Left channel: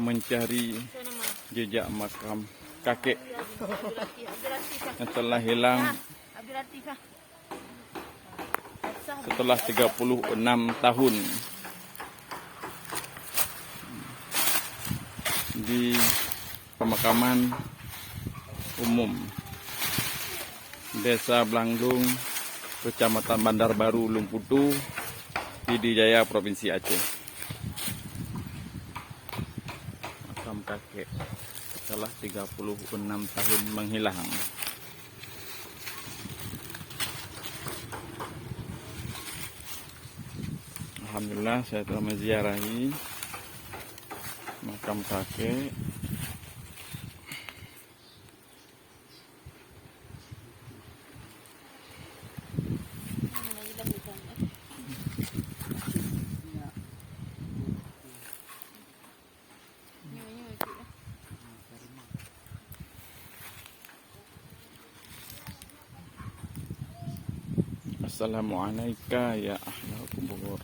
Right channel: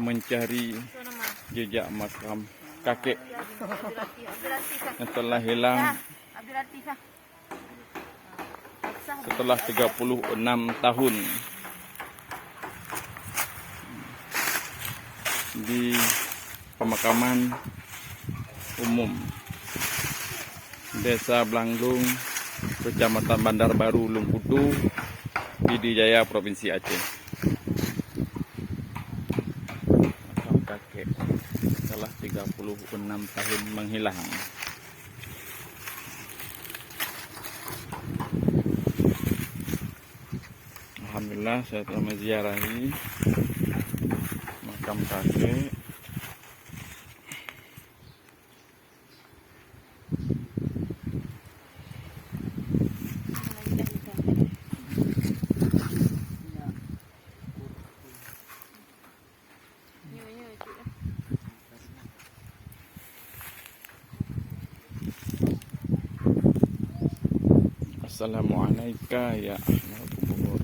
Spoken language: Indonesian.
mencari jejak makam kakek yang telah hilang setelah 36 tahun di pemakaman umum Desa Blanglung, Kecamatan Bandar Baru, Lungkutu, Pidijaya, Provinsi Aceh. Makam kakek setelah 36 tahun menghilang. Alhamdulillah saya telah menziarahi makam kakek. Assalamualaikum ya ahlal kubur.